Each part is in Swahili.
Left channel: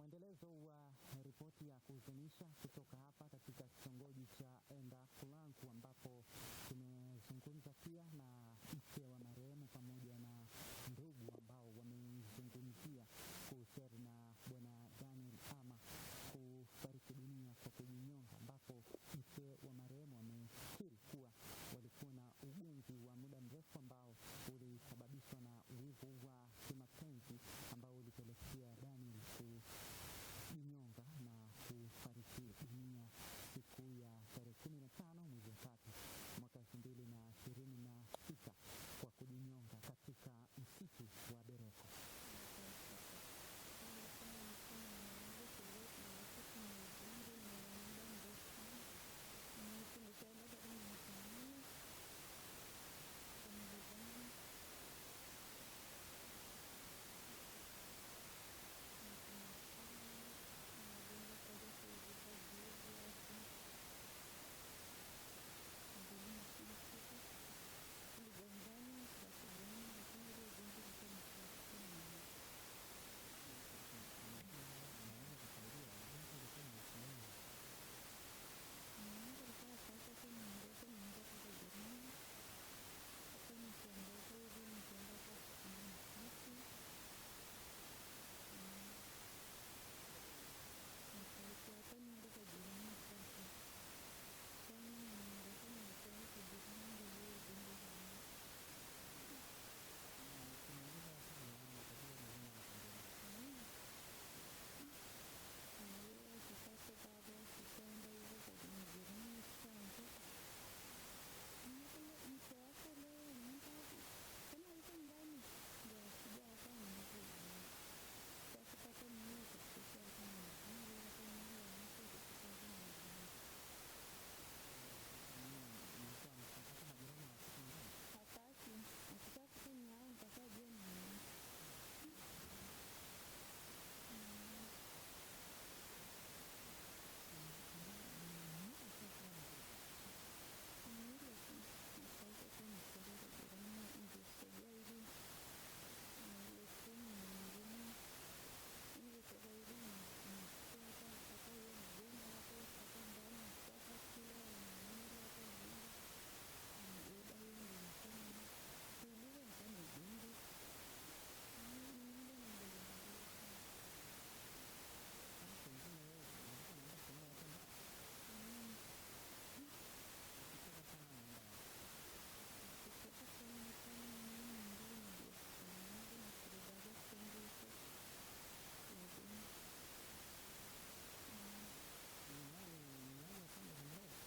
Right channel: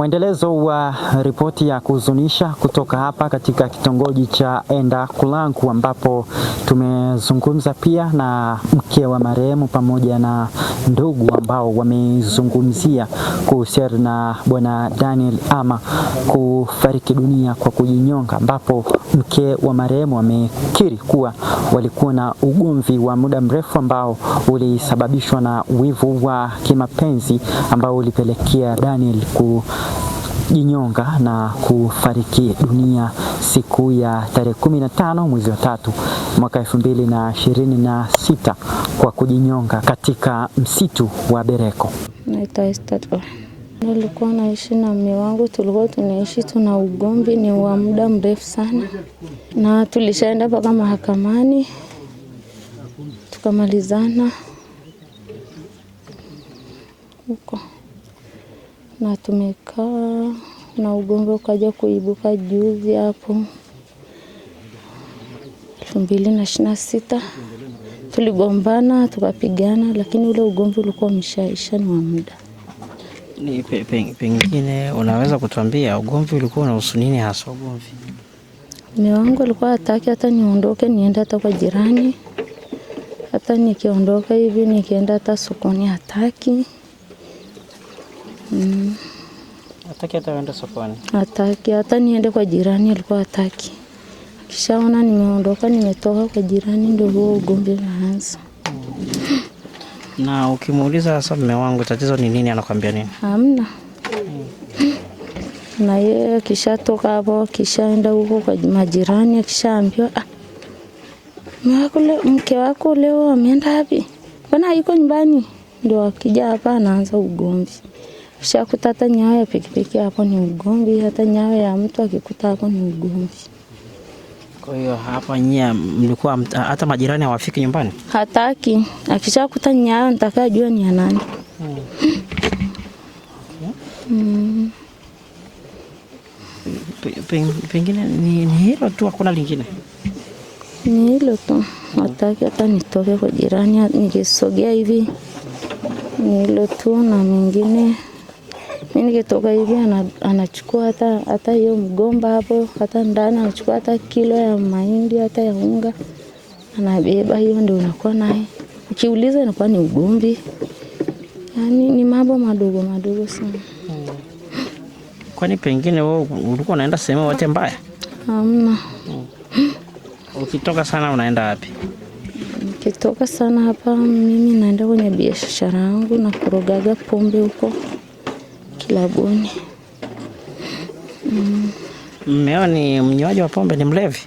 Mwendelezo wa ripoti ya kuhuzunisha kutoka hapa katika kitongoji cha Endakulanku, ambapo tumezungumza pia na mke wa marehemu pamoja na ndugu ambao wamezungumzia kuhusiana na bwana Daniel Ama kufariki dunia kwa kujinyonga, ambapo mke wa marehemu amekiri kuwa walikuwa na ugomvi wa muda mrefu ambao ulisababishwa na wivu wa kimapenzi ambao ulipelekea Daniel kujinyonga na kufariki dunia siku ya tarehe 15 mwezi wa 3 mwaka 2026 kwa kujinyonga katika msitu wa Bereko. Nilikuwa naishi na mume wangu, tulikuwa tunaishi tuna ugomvi ni wa muda mrefu sana, na tulishaenda mpaka mahakamani tukamalizana huko, na tumekaa na ugomvi ukaja kuibuka juzi hapo 2026. Tuligombana tukapigana, lakini ule ugomvi ulikuwa umeshaisha ni wa muda. Ni pengine unaweza kutuambia ugomvi ulikuwa unahusu nini hasa ugomvi? Mume wangu alikuwa hataki hata niondoke niende hata kwa jirani. Hata nikiondoka hivi nikienda hata sokoni hataki. Hataki hata kwenda sokoni? Hataki hata niende kwa jirani, alikuwa hataki. Kishaona nimeondoka nimetoka kwa jirani ndio huo ugomvi unaanza. Na ukimuuliza sasa mume wangu tatizo ni nini, anakuambia nini? Hamna. Na yeye kishatoka hapo kishaenda huko kwa majirani, akishaambiwa mke wako leo ameenda wapi? Bwana yuko nyumbani. Ndio akija hapa anaanza ugomvi. Kishakuta hata nyayo ya pikipiki hapo ni ugomvi, hata nyayo ya mtu akikuta hapo ni ugomvi. Kwa hiyo hapa nyia mlikuwa hata majirani hawafiki nyumbani? Hataki. Akishakuta nyayo nitakajua ni ya nani. Pengine ni hilo tu, hakuna lingine? Ni hilo tu. Hataki hata nitoke kwa jirani, nikisogea hivi ni hilo tu, na mingine mimi nikitoka hivi anachukua hata hiyo mgomba hapo, hata ndani anachukua hata kilo ya mahindi hata ya unga anabeba, hiyo ndio unakuwa naye. Ukiuliza inakuwa ni ugomvi. Yaani ni mambo madogo madogo sana. Kwani pengine wewe ulikuwa unaenda sehemu yote mbaya? Hamna. Ukitoka sana unaenda wapi? Nikitoka sana hapa mimi naenda kwenye biashara yangu na kurogaga pombe huko kilabuni. Mmeo ni mnywaji wa pombe, ni mlevi?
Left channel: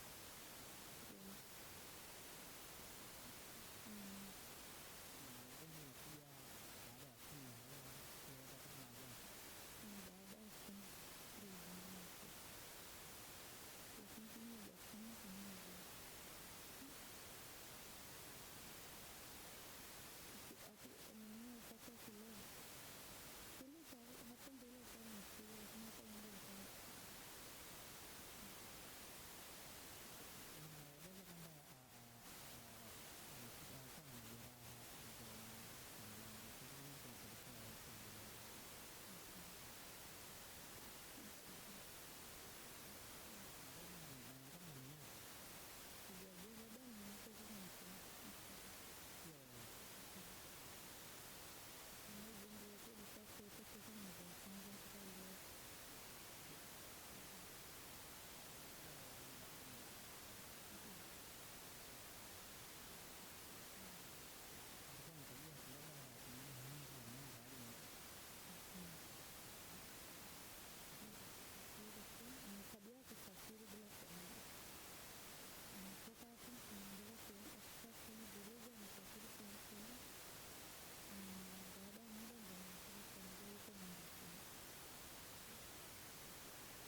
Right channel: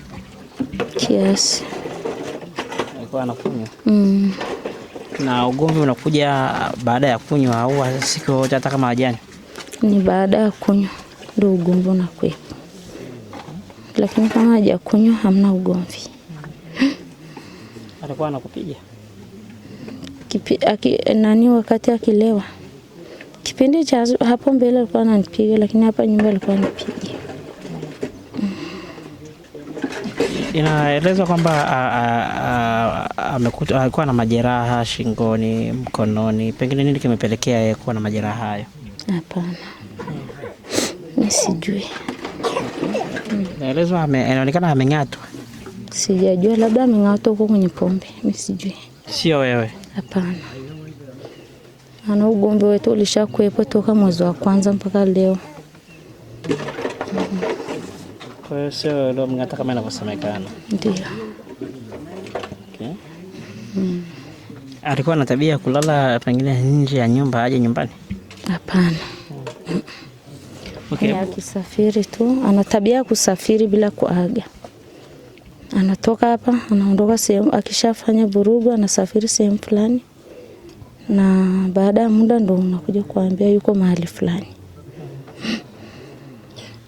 Kiasi. Alikuwa anakunywa? Na ugomvi unakuja baada ya kunywa au siku yote hata kama hajani? Ni baada ya kunywa ndio ugomvi unakuwepo. Lakini kama hajakunywa hamna ugomvi. Alikuwa anakupiga? Nani wakati akilewa? Kipindi cha hapo mbele alikuwa ananipiga, lakini hapa nyumba alikuwa anipiga. Inaelezwa kwamba alikuwa na majeraha shingoni, mkononi. Pengine nini kimepelekea yeye kuwa na majeraha hayo? Hapana. Mimi sijui. Inaelezwa inaonekana ameng'atwa. Sijajua, labda ameng'atwa huko kwenye pombe. Mimi sijui. Sio wewe? Hapana. Ana ugomvi wetu ulishakuwepo toka mwezi wa kwanza mpaka leo. Kwa hiyo sio leo mng'ata kama inavyosemekana? Ndio. Okay. Alikuwa na tabia kulala pengine nje ya nyumba aje nyumbani? Hapana. Okay. Akisafiri tu, ana tabia ya kusafiri bila kuaga. Anatoka hapa, anaondoka sehemu, akishafanya vurugu anasafiri sehemu fulani. Na baada ya muda ndo unakuja kuambia yuko mahali fulani.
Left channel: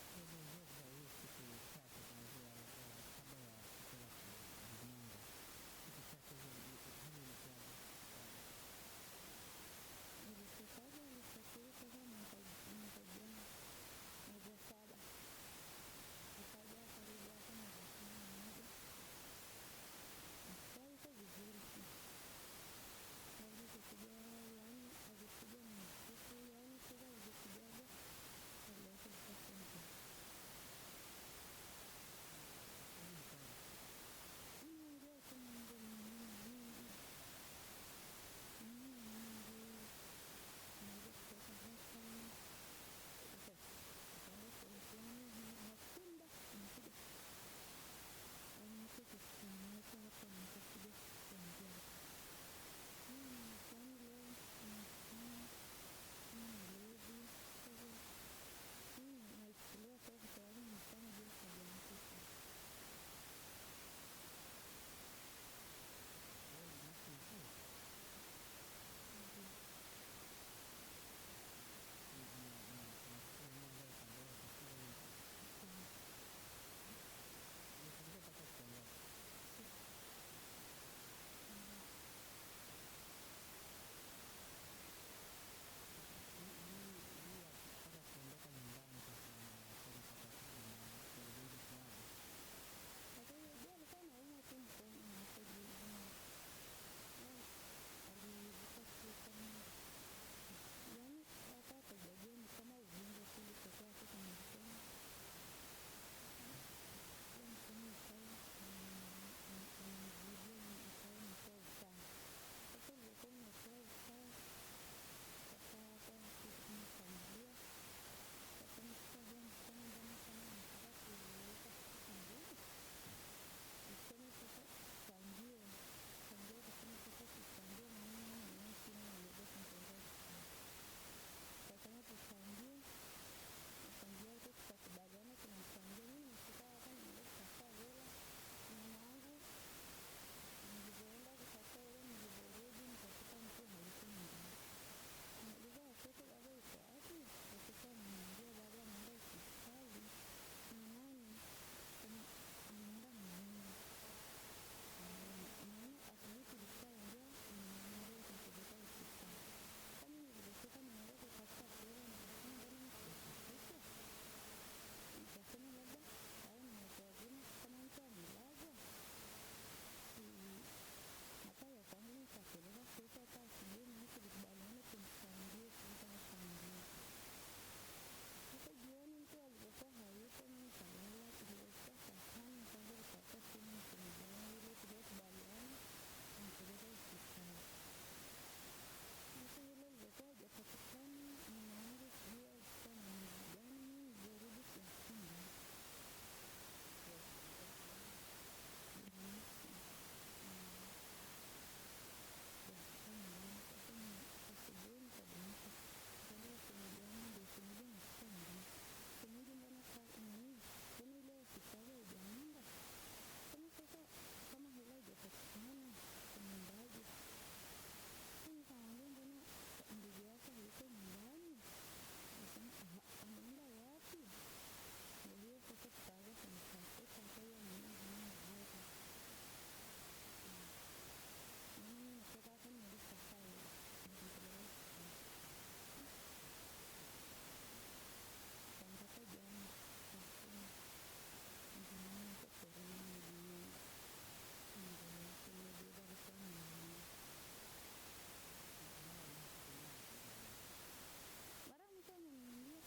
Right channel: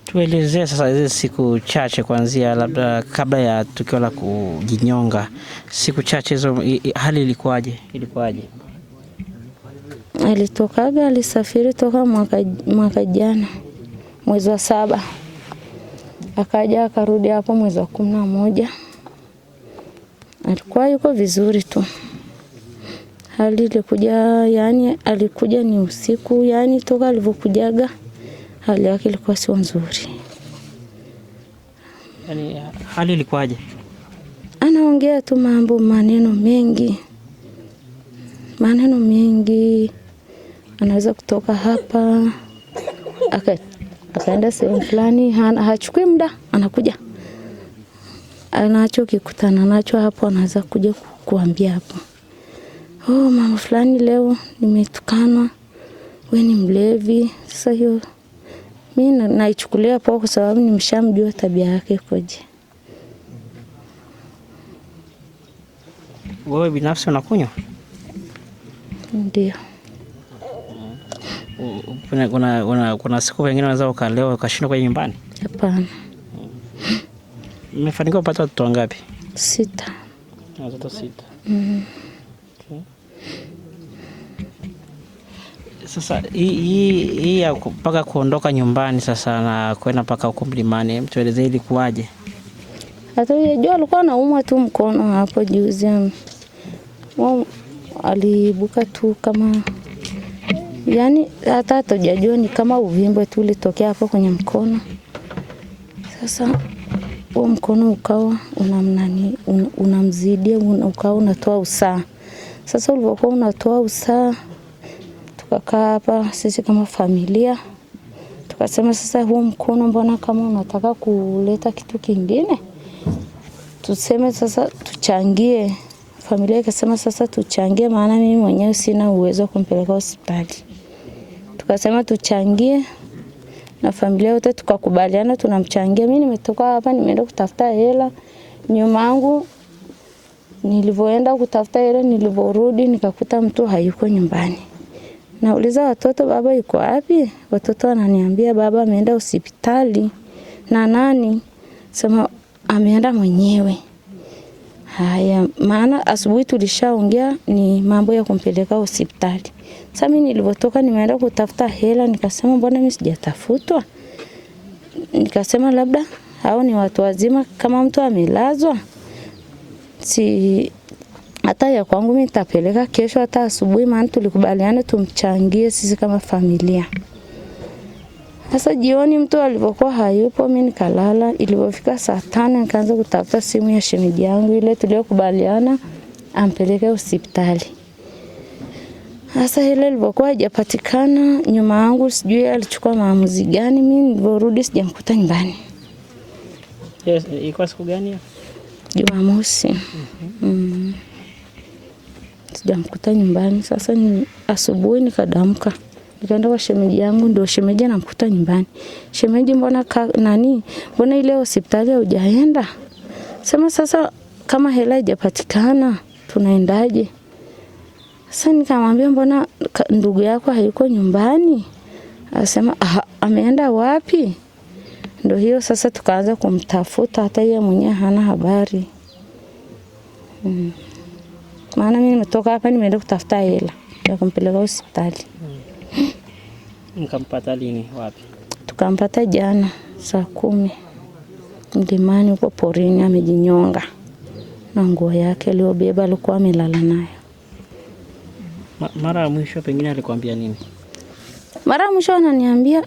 Tuelezee sasa hizi siku chache kuanzia labda kabla ya tukio la kujinyonga. Siku chache hizo hali ilikuwaje? Alitokaga, alisafiri toka mwaka jana mwezi wa 7. Akaja akarudi hapo mwezi wa 11. Alikuwa yuko vizuri tu. Hali ilikuja, yani alikuja ni usiku, yani toka alivyokujaga hali yake ilikuwa sio nzuri. Yaani hali ilikuwaje? Anaongea tu maneno mengi. Anaweza kutoka hapa akaenda sehemu fulani, hachukui muda, anakuja. Anachokikutana nacho hapo anaweza kuja kuambia hapo, oh, mama fulani leo nimetukanwa, wewe ni mlevi. Sasa hiyo mimi naichukulia poa kwa sababu nimeshamjua tabia yake koje. Wewe binafsi unakunywa? Ndio. Kuna siku wengine wanaweza ukalewa ukashindwa kwa nyumbani? Hapana. Mmefanikiwa kupata watoto wangapi? 6. Watoto 6. Okay. Sasa hii ya mpaka kuondoka nyumbani sasa na kwenda mpaka huko mlimani, mtueleze ilikuwaje? Hata yeye alikuwa anaumwa tu mkono hapo juzi. Alibuka tu kama, yani hata hatojajua ni kama uvimbe tu ulitokea hapo kwenye mkono. Sasa huo mkono ukawa unamzidia, ukawa unatoa usaha. Sasa ulipokuwa unatoa usaha, tukakaa hapa sisi kama familia, tukasema sasa huo mkono mbona kama unataka kuleta kitu kingine, tuseme sasa tuchangie. Familia ikasema sasa tuchangie, maana mimi mwenyewe sina uwezo wa kumpeleka hospitali. Tukasema tuchangie na familia yote tukakubaliana tunamchangia. Mimi nimetoka hapa nimeenda kutafuta hela. Nyuma yangu nilivyoenda kutafuta hela, nilivyorudi nikakuta mtu hayuko nyumbani. Nauliza watoto, baba yuko wapi? Watoto wananiambia baba ameenda hospitali. Na nani? Sema ameenda mwenyewe. Haya, maana asubuhi tulishaongea ni mambo ya kumpeleka hospitali. Sasa mimi nilipotoka nimeenda kutafuta hela, nikasema mbona mimi sijatafutwa? Nikasema labda hao ni watu wazima, kama mtu amelazwa si hata ya kwangu mimi nitapeleka kesho hata asubuhi, maana tulikubaliana tumchangie sisi kama familia. Sasa jioni mtu alipokuwa hayupo, mimi nikalala. Ilipofika saa 5 nikaanza kutafuta simu ya shemeji yangu ile tuliyokubaliana ampeleke hospitali. Sasa ile ilipokuwa haijapatikana, nyuma yangu sijui alichukua maamuzi gani, mimi niliporudi sijamkuta nyumbani. Yes, ilikuwa siku gani hiyo? Jumamosi. Sijamkuta nyumbani. Sasa asubuhi nikadamka, nikaenda kwa shemeji yangu, ndio shemeji anamkuta nyumbani. Shemeji, mbona mbona ile hospitali hujaenda? Sema sasa kama hela haijapatikana tunaendaje? Sasa nikamwambia mbona ndugu yako hayuko nyumbani? Akasema ameenda wapi? Ndio hiyo sasa tukaanza kumtafuta, hata yeye mwenyewe hana habari. Maana mimi nimetoka hapa nimeenda kutafuta hela ya kumpeleka hospitali. Mkampata lini, wapi? Tukampata jana saa 10 mlimani huko porini, amejinyonga na nguo yake aliyobeba alikuwa amelala nayo. Mara ya mwisho pengine alikwambia nini? Mara ya mwisho ananiambia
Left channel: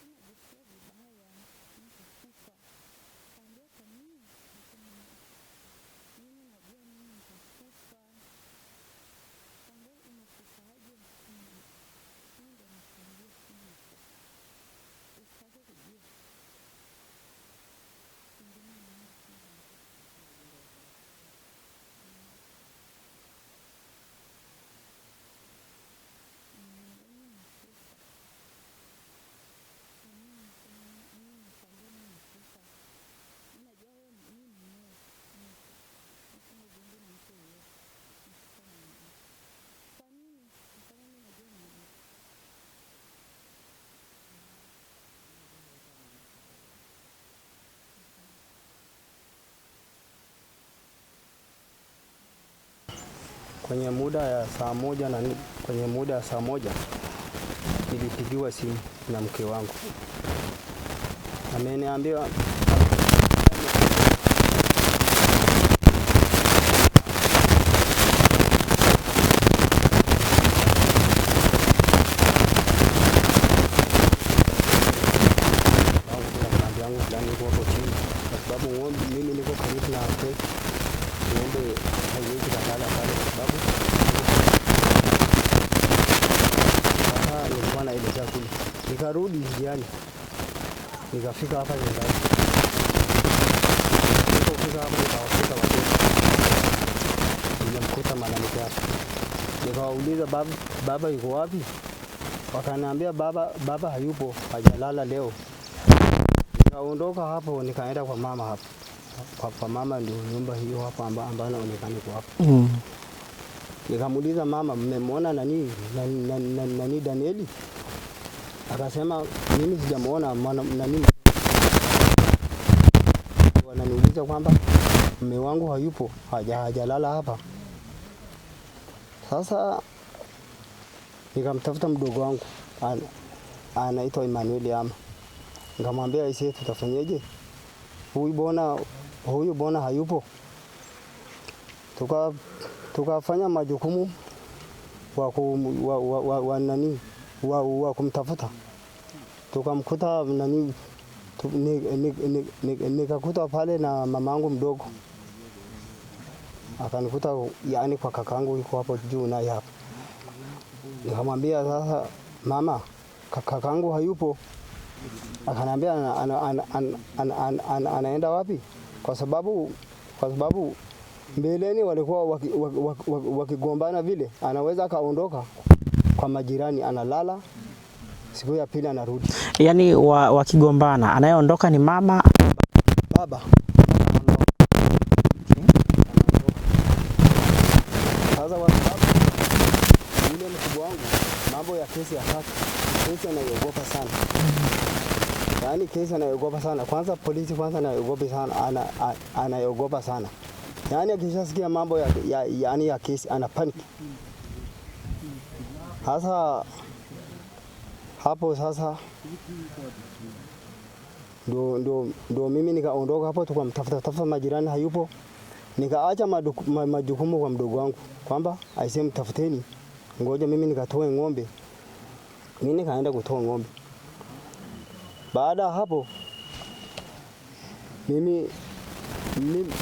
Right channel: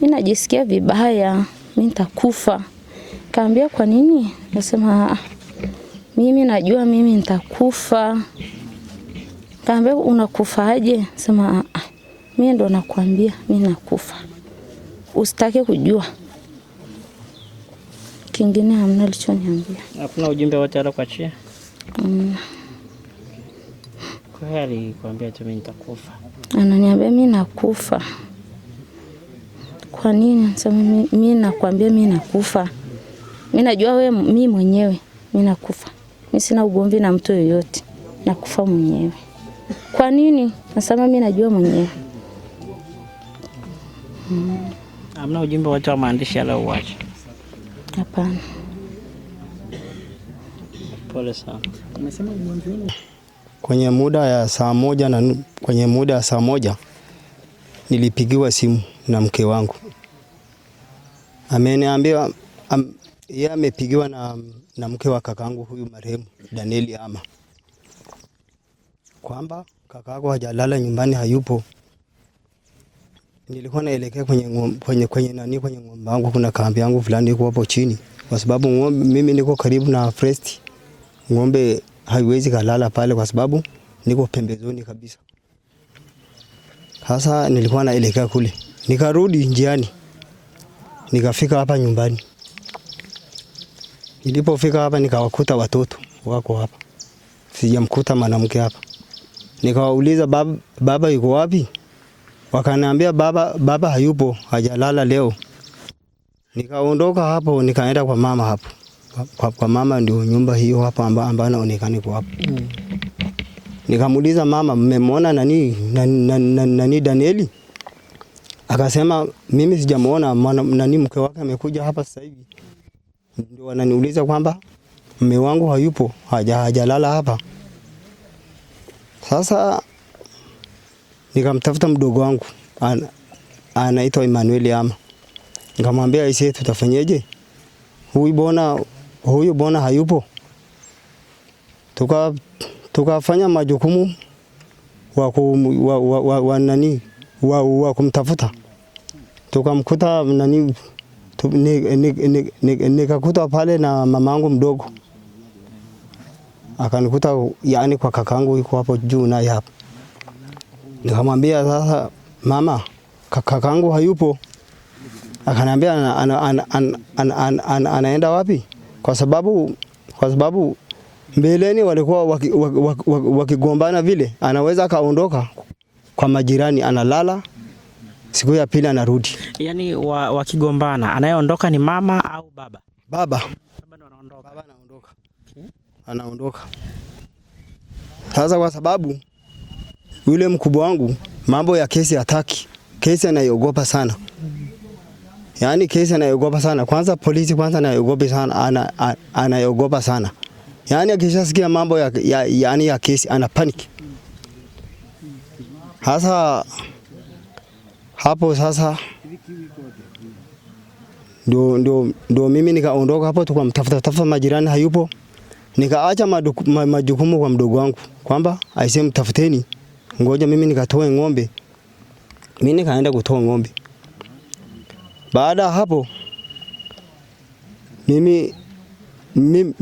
mimi najisikia vibaya, mimi nitakufa. Kaambia kwa nini? Nasema mimi najua mimi nitakufa. Kaambia unakufaje? Sema mimi ndo nakwambia mimi nakufa. Usitake kujua. Kingine hamna alichoniambia. Hakuna ujumbe wote alokuachia? Kwa hiyo alikwambia tu mimi nitakufa. Ananiambia mimi nakufa. Kwa nini? Sema mimi nakwambia mimi nakufa. Mimi najua mimi mwenyewe mimi nakufa. Mimi sina ugomvi na mtu yoyote. Nakufa mwenyewe. Kwa nini? Nasema mimi najua mwenyewe. Hamna ujumbe wote wa maandishi aliyouacha? Hapana. Pole sana. Umesema mwanzo kwenye muda ya saa 1 nilipigiwa simu na mke wangu. Ameniambia yeye amepigiwa na mtu wa lala nyumbani hayupo. Kwenye kwenye bangu kuna kambi yangu fulani iko hapo chini, kwa sababu mimi niko karibu na forest. Ng'ombe haiwezi kalala pale kwa sababu niko kwenye. Sasa nilikuwa naelekea kule, nikarudi njiani, nikafika hapa nyumbani. Nilipofika hapa nikawakuta watoto wako hapa, sijamkuta mwanamke hapa. Nikawauliza baba yuko wapi? Wakaniambia baba hayupo, hajalala leo. Nikaondoka hapo nikaenda kwa mama hapo. Kwa mama ndio nyumba hiyo hapa ambayo inaonekana kwa hapo. Nikamuuliza mama, mmemwona nani Danieli? Akasema mimi sijamuona, nani mke wake amekuja hapa. Wananiuliza kwamba mume wangu hayupo, hajalala hapa. Sasa nikamtafuta mdogo wangu anaitwa Emmanuel Ama. Nikamwambia ise, tutafanyeje? Huyu bona hayupo. Tukafanya majukumu wa kumtafuta. Tukamkuta nani, nikakuta pale na mamangu mdogo. Akanikuta yani kwa kakangu yuko hapo juu naye hapa. Nikamwambia sasa, mama, kakangu hayupo. Akaniambia anaenda wapi? Kwa sababu mbeleni walikuwa wakigombana vile, anaweza kaondoka kwa majirani, analala, siku ya pili anarudi. Yaani wakigombana, anayeondoka ni mama au baba? Baba anaondoka. Sasa kwa sababu yule mkubwa wangu mambo ya kesi hataki. Kesi anaiogopa sana. Yaani kesi anaiogopa sana. Kwanza polisi kwanza anaiogopa sana, anaiogopa sana. Yaani akishasikia mambo ya kesi ana panic. Sasa hapo sasa ndio mimi nikaondoka hapo, tukamtafuta majirani hayupo. Nikaacha majukumu kwa mdogo wangu kwamba aiseme mtafuteni, ngoja mimi nikatoe ng'ombe. Mimi nikaenda kutoa ng'ombe. Baada hapo mimi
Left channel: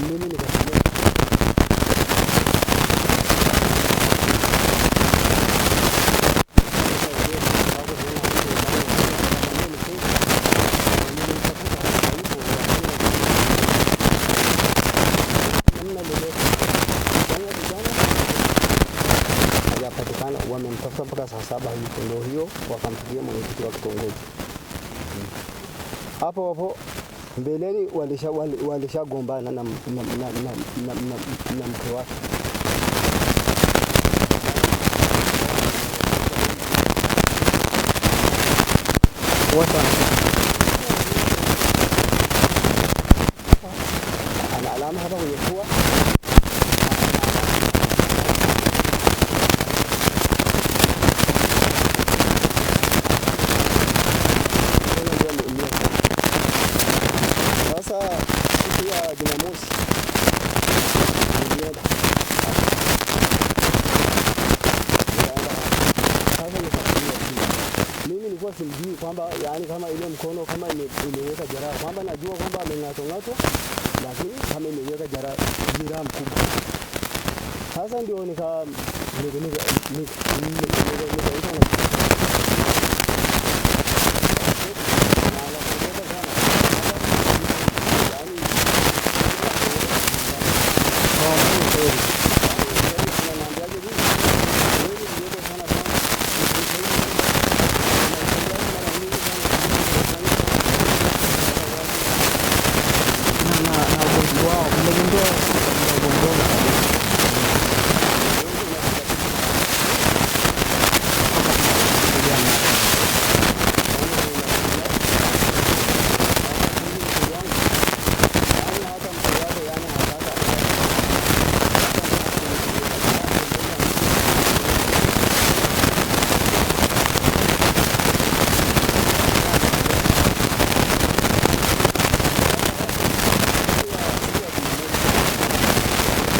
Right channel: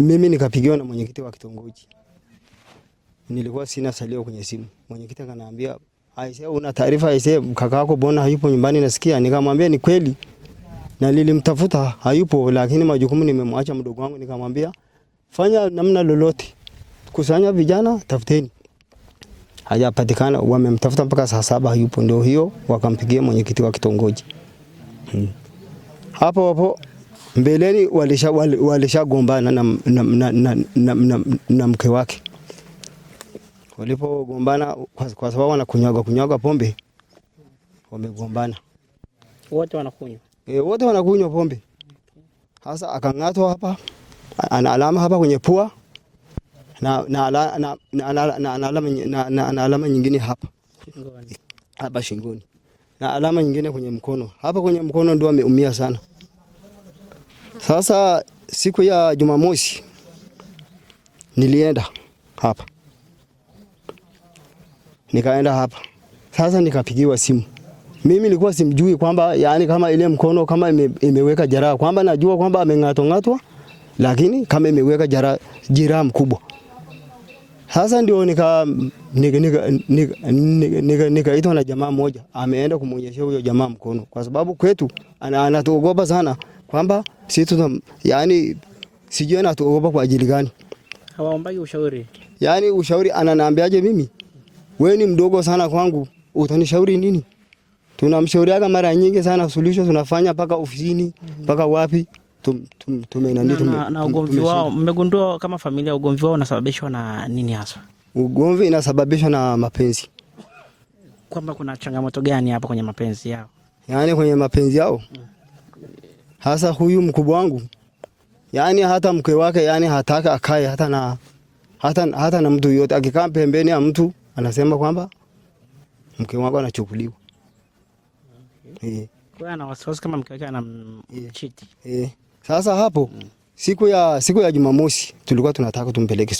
nikapigiwa una taarifa ise kakako bona hayupo nyumbani nasikia. Nikamwambia ni kweli, na nilimtafuta hayupo, lakini majukumu nimemwacha. Fanya namna lolote, kusanya vijana wakati hajapatikana. Wamemtafuta mpaka saa 7 hayupo. Ndio hiyo wakampigia mwenyekiti wa kitongoji. Hapo mbeleni walishagombana na mke wake. Walipogombana wakawa wanakunywa pombe. Wote wanakunywa pombe. Sasa akang'atwa hapa, ana alama hapa kwenye pua na alama nyingine hapa. Na alama nyingine hapa kwenye mkono ndio ameumia sana. Sasa siku ya Jumamosi nilienda hapa. Nikaenda hapa. Sasa nikapigiwa simu. Mimi nilikuwa simjui kwamba yani kama ile mkono kama imeweka jeraha, kwamba najua kwamba ameng'atwa, lakini kama imeweka jeraha mkubwa. Sasa ndio nikaitwa na jamaa mmoja, ameenda kumwelezea jamaa kwa sababu kwetu anatuogopa sana kwamba sisi yani sijui anatuogopa kwa ajili gani. Yani mshauri ananiambiaje mimi, wewe ni mdogo sana kwangu, utanishauri nini? Unamshauriaga mara nyingi sana kuliko unafanya mpaka ofisini mpaka wapi. Na ugomvi wao mnagundua kama familia, ugomvi wao unasababishwa na nini? Ugomvi inasababishwa na mapenzi. Yani kwenye mapenzi yao. Hasa huyu mkubwa wangu, yani hata mke wake yani hataka akae hata na mtu yote. Akikaa pembeni ya mtu anasema kwamba sasa hapo siku ya Jumamosi tulikuwa tumpeleke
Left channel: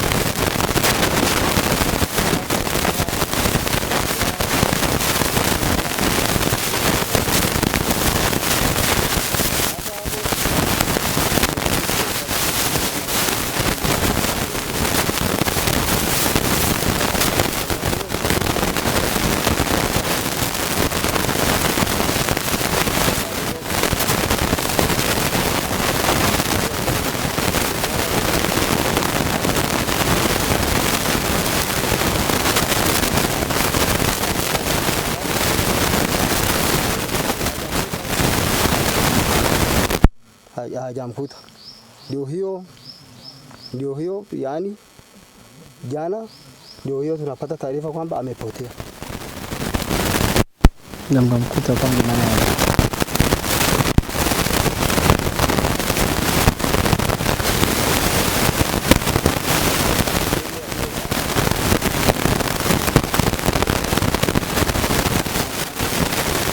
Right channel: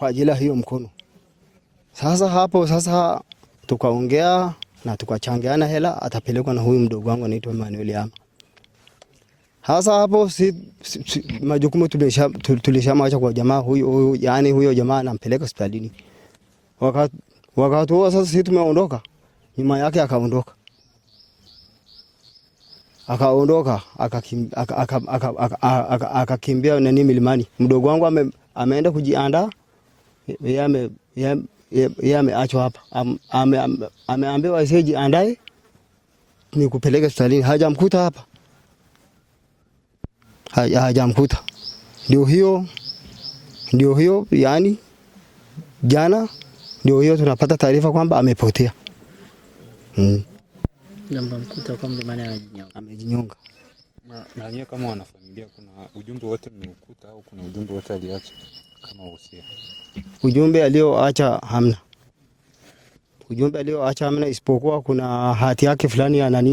kwa ajili hiyo mkono. Sasa hapo tukaongea tukachangana hela akapeleka na huyu mdogo wangu na mwingine hapo. Sasa hapo majukumu tulishamaacha kwa jamaa huyu, yani huyo jamaa anampeleka hospitali. Wakati huo sasa sisi tunaondoka, mama yake akaondoka akakimbia na nini mlimani. Mdogo wangu ameenda kujiandaa, yeye ameachwa hapa, ameambiwa jiandae nikupeleke hospitali. Hajamkuta. Ndio hiyo yani jana ndio hiyo tunapata taarifa kwamba amepotea. Ndio mkuta kama nani. Ujumbe alioacha hamna isipokuwa kuna hati yake fulani ya nani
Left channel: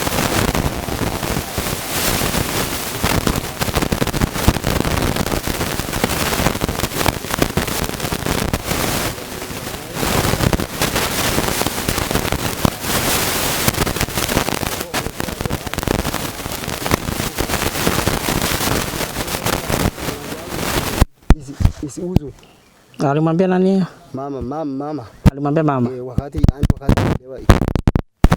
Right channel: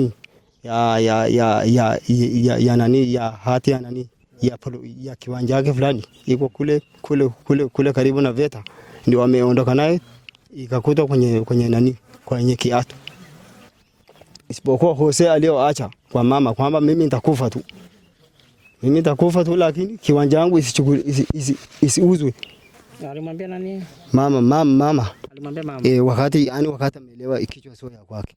ya nani ya hati ya wanjaji fulani kule karibu na geti, ndio ameondoka naye akakuta kwenye nani kwenye kiasi. Isipokuwa Hosea alioacha kwa mama kwamba mimi nitakufa tu, lakini kiwanja wangu isiuzwe. Alimwambia nani? Mama. Alimwambia mama. Wakati alielewa ikiwa ya kwake.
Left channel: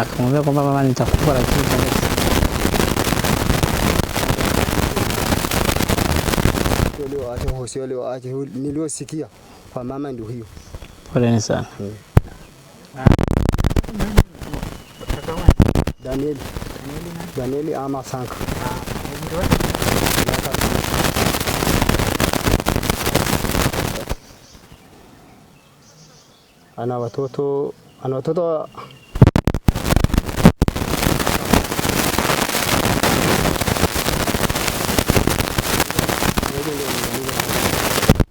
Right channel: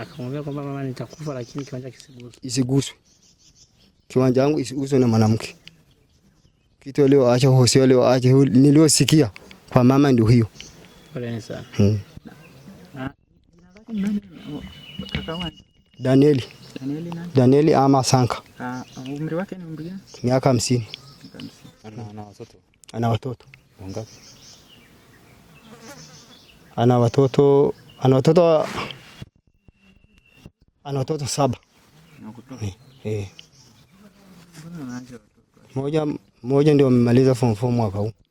Akamwambia kwamba mama nitakufa lakini isiuzwe. Kiwanja wangu isiuzwe na mwanamke. Ndio leo acha Hosea niliosikia kwa mama ndio hiyo. Pole sana. Danieli ama Sanka. Miaka 50. Ana watoto 7. Moja ndio amemaliza form 4.